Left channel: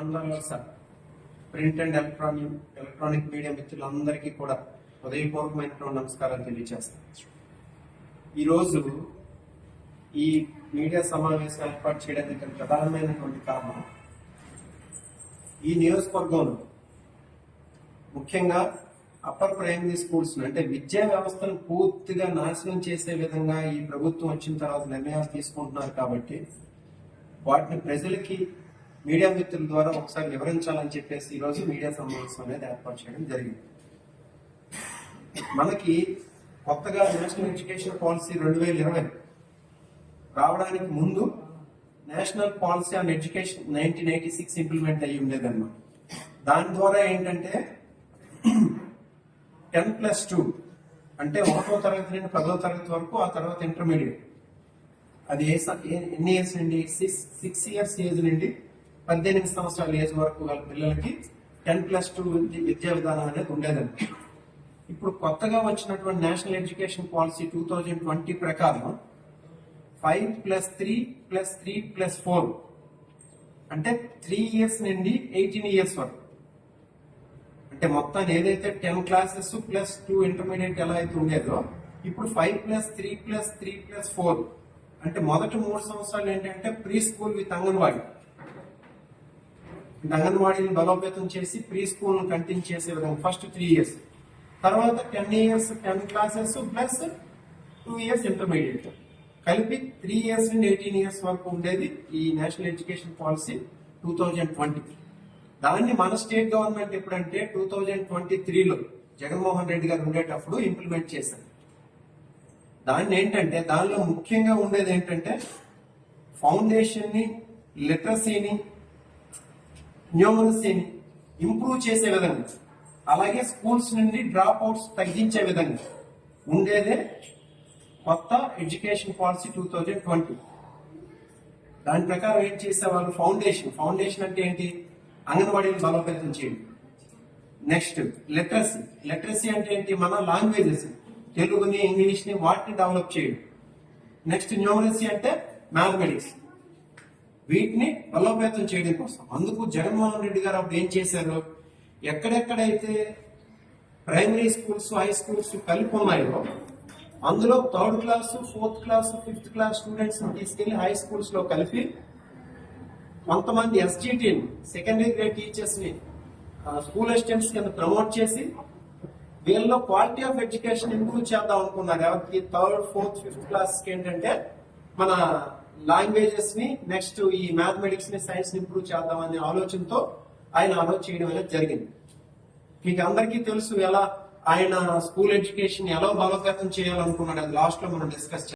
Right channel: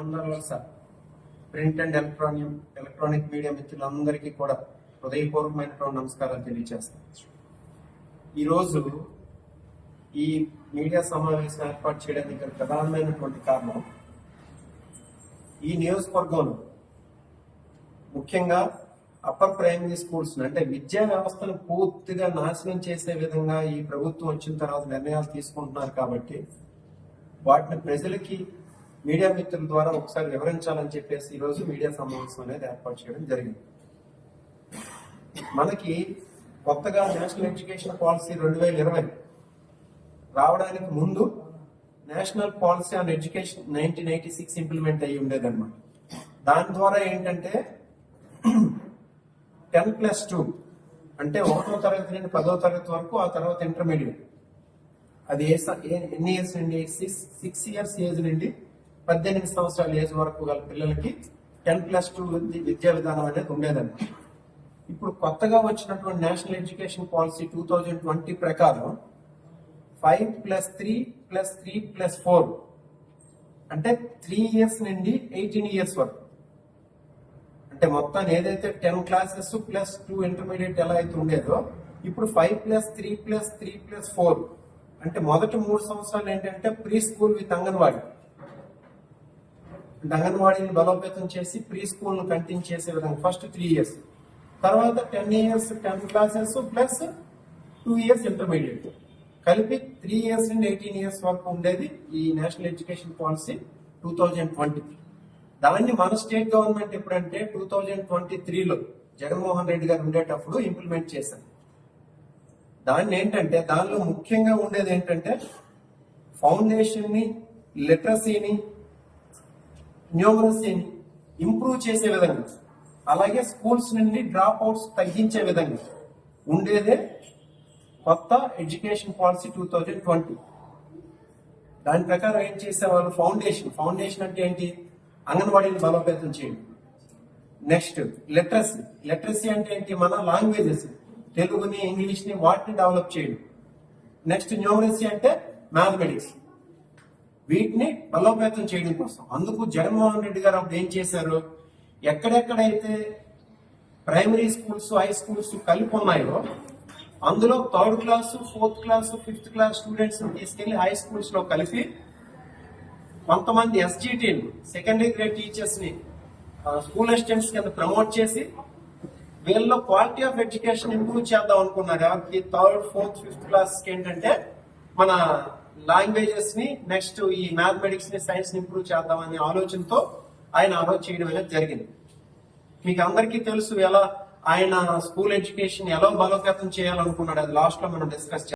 అందరూ print and electronic media మిత్రులందరికీ కూడా హృదయపూర్వకమైనటువంటి నమస్కారాలు తెలియజేస్తాను. ఈరోజు ఈ మీడియా సమావేశం ఏర్పాటు చేయడానికి ప్రధానమైనటువంటి కారణం, ఈ నియోజకవర్గంలో ముఖ్యంగా అప్పర్ ప్రైమరీ స్కూల్స్ అంటే విద్యా వ్యవస్థను పూర్తిగా నాశనం చేసే విధంగా ఈ ప్రభుత్వం వచ్చిన తర్వాత నిర్ణయాలు తీసుకుంటున్నారు. కాబట్టి వాటిని ప్రజలకి మీడియా మిత్రుల ద్వారా ఒకసారి వివరించాలని చెప్పేసి ఈరోజు మీడియా సమావేశం అనేది ఏర్పాటు చేయడం జరిగింది. మనకి కొత్తగా నేషనల్ ఎడ్యుకేషన్ పాలసీ 2020 రావడానికి ముందు national policy on education 1986 implement అయ్యి ఉండేదన్నమాట. దాని ద్వారా ఏంటంటే 10+2 అంటే 1వ తరగతి నుండి 10వ తరగతి వరకు, ఆ తర్వాత ఇంటర్మీడియట్. అది ఎన్ని ఇయర్స్ నుండి 6 ఇయర్స్ ఏజ్ నుండి 18 సంవత్సరాల ఏజ్ వరకు గల పిల్లలకి 10+2 విద్యా విధానం అనేది ఉండేదండి. ఇప్పుడు కొత్తగా వచ్చినటువంటి నేషనల్ ఎడ్యుకేషన్ పాలసీ 2020 ప్రకారం 5+3+3+4 అంటే 3 ఇయర్స్ నుండి 18 ఇయర్స్ వరకు, అంటే మొత్తం ఏదైతే 10 క్లాసెస్ ప్లస్ 2 ఇంటర్మీడియట్ ఎలా అయితే ఉండేదో, ఇప్పుడు 5+3+3+4 అంటే మొదటి 3 సంవత్సరాలు ఏంటంటే ప్రీ స్కూల్ విత్ అంగన్వాడీని బలోపేతం చేసి ప్రీ స్కూల్ ను కంటిన్యూ చేసే విధంగా ఫస్ట్ 3 ఇయర్స్, తర్వాత 10 years 10 classes plus 2 years intermediate, కలిపి 3 ఇయర్స్ నుండి 18 ఇయర్స్ వరకు ఉండేది ఈ నేషనల్ ఎడ్యుకేషన్ పాలసీ 2020. దాన్ని మన స్టేట్ గవర్నమెంట్ ఎప్పుడంటే 2023లో జగన్మోహన్ రెడ్డి గారు ఉండేటప్పుడు ఇంప్లిమెంట్ చేశారు. దాన్ని ఏంటంటే దానిలో ముఖ్యంగా ఉండేది ఏంటంటే ఫౌండేషన్ ని, లిటరసీని, న్యూమరసీని ఇంప్రూవ్ చేసే విధంగా, అలాగే స్కూల్స్ నుండి డ్రాప్ అవుట్స్ తగ్గించే విధంగా ఉండేదే కొత్త ఎడ్యుకేషన్ పాలసీ 2020. దాని ప్రకారం ఏం చేసేవాళ్ళు, ఫౌండేషన్ అంటే ఏంటి, అంగన్వాడీని బలోపేతం చేయడం. నెక్స్ట్ లిటరసీ అంటే ఏంటి, మన లాంగ్వేజెస్ తెలుగుని, ఇంగ్లీష్ ని వాటిని డెవలప్ చేయడం. నెక్స్ట్ న్యూమరసీ అంటే మ్యాథమెటిక్స్, వీటిని బలోపేతం చేయడం కోసం. అందుకు జగన్మోహన్ రెడ్డి గారు అప్పుడు ఏం చేశారు, ఎక్కడెక్కడైతే ప్రైమరీ స్కూల్స్, హై స్కూల్స్ కలిపి ఉన్నాయో అందులో 3rd class, 4th class, 5th class students తీసుకెళ్లి హై స్కూల్స్ లో కలిపి కొంతమంది ఎస్జిటిని, సెకండరీ గ్రేడ్ టీచర్స్ ని స్కూల్ అసిస్టెంట్స్ కింద ప్రమోట్ చేసి వీళ్ళలో క్వాలిటీ ఆఫ్ ఎడ్యుకేషన్ ఇంప్రూవ్ చేద్దాం అనుకున్నారు. ఎవరికి 3rd, 4th, 5th క్లాస్ కి ఏంటంటే మన లాంగ్వేజెస్ ని, నెక్స్ట్ ఈ మ్యాథమెటిక్స్ ని, సైన్స్ ని ఇంప్రూవ్ చేద్దామనే ఆలోచనతో ఆయన ఆలోచన చేయడం అనేది జరిగింది. మీకు అందరికీ తెలుసు ఎలా ఆయన స్కూల్ ఎడ్యుకేషన్ ఎలా బలోపేతం చేయాలనుకున్నాడు. అది లాస్ట్ లో మనం డిస్కస్